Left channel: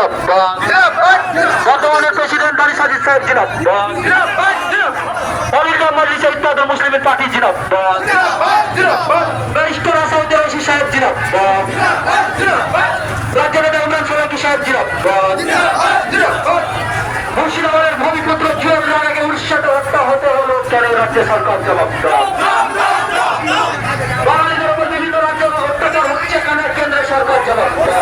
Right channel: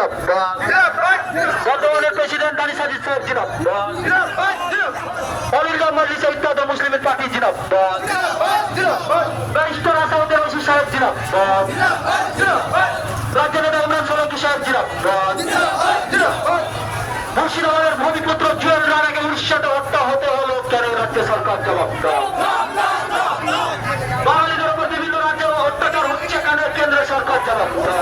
জিন্দাবাদ। বর্তমানের প্রেসিডেন্ট আলী সাজিদ সাহেব জিন্দাবাদ। অলিরগাম মজলিসে ইত্তেহাদুল মুসলিমিন পার্টি জিন্দাবাদ। ব্যারিস্টার আসাদুদ্দিন ওসি সাহেব জিন্দাবাদ। রাজ্য নেতা ইমরান সোলাঙ্কি সাহেব জিন্দাবাদ। মুর্শিদাবাদের ভূমিপুত্র জিয়াউর রহমানকে উড়িষ্যাতে হত্যা হতে হলো কেন রাজ্য সরকার জবাব দাও। বাঙালিদের উপর বিভিন্ন রাজ্য অত্যাচার হচ্ছে কেন কেন্দ্র সরকার জবাব দাও।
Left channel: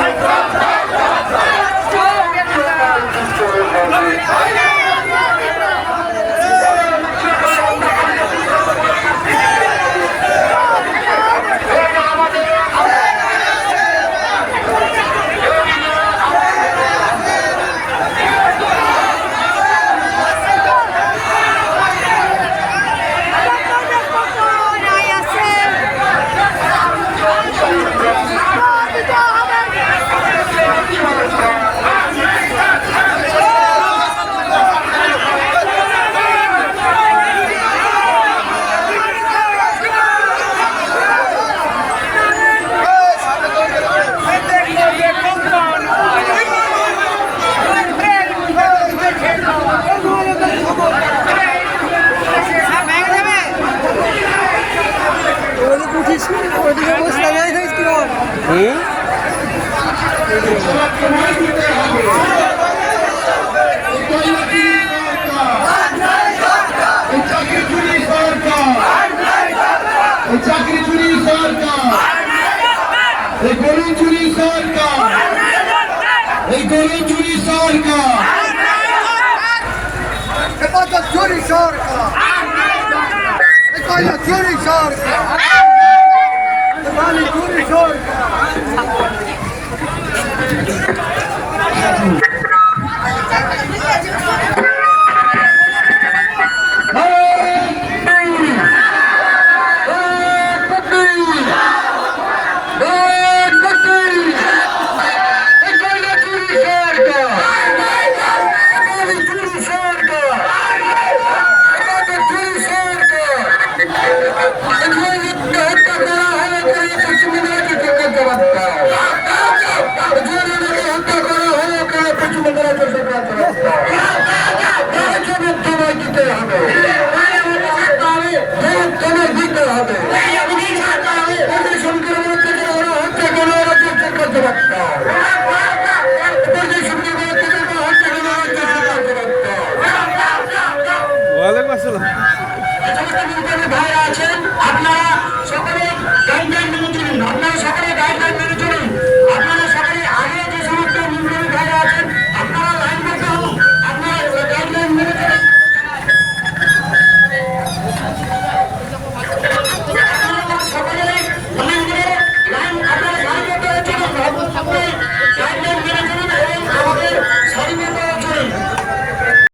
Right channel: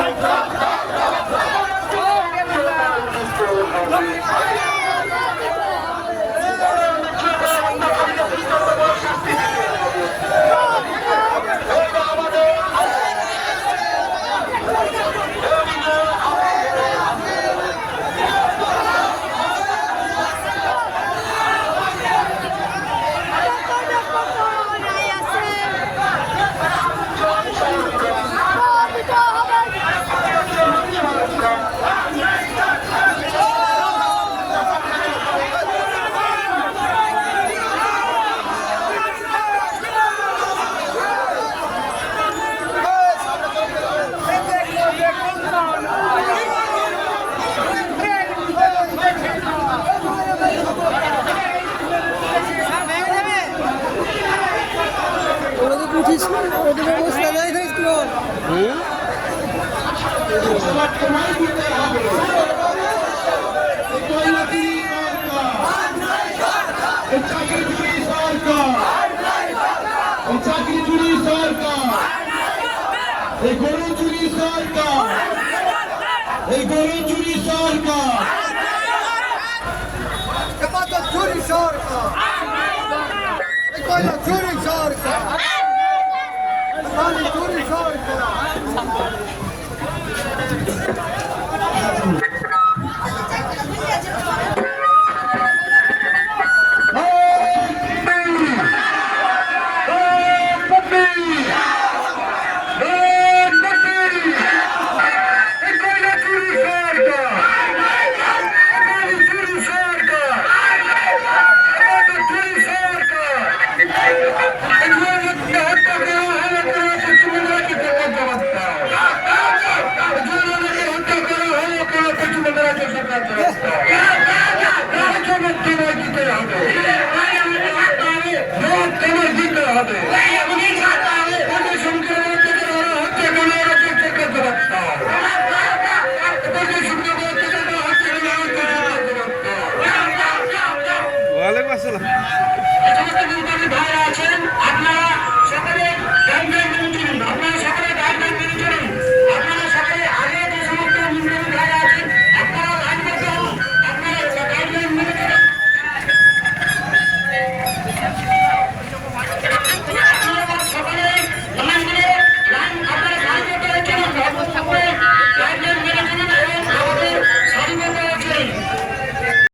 চাকরি চুরি সরকার, এই গরু চুরি সরকার, এই গরু চুরি সরকার, চুরি সরকার, চুরি সরকার, চুরি সরকার।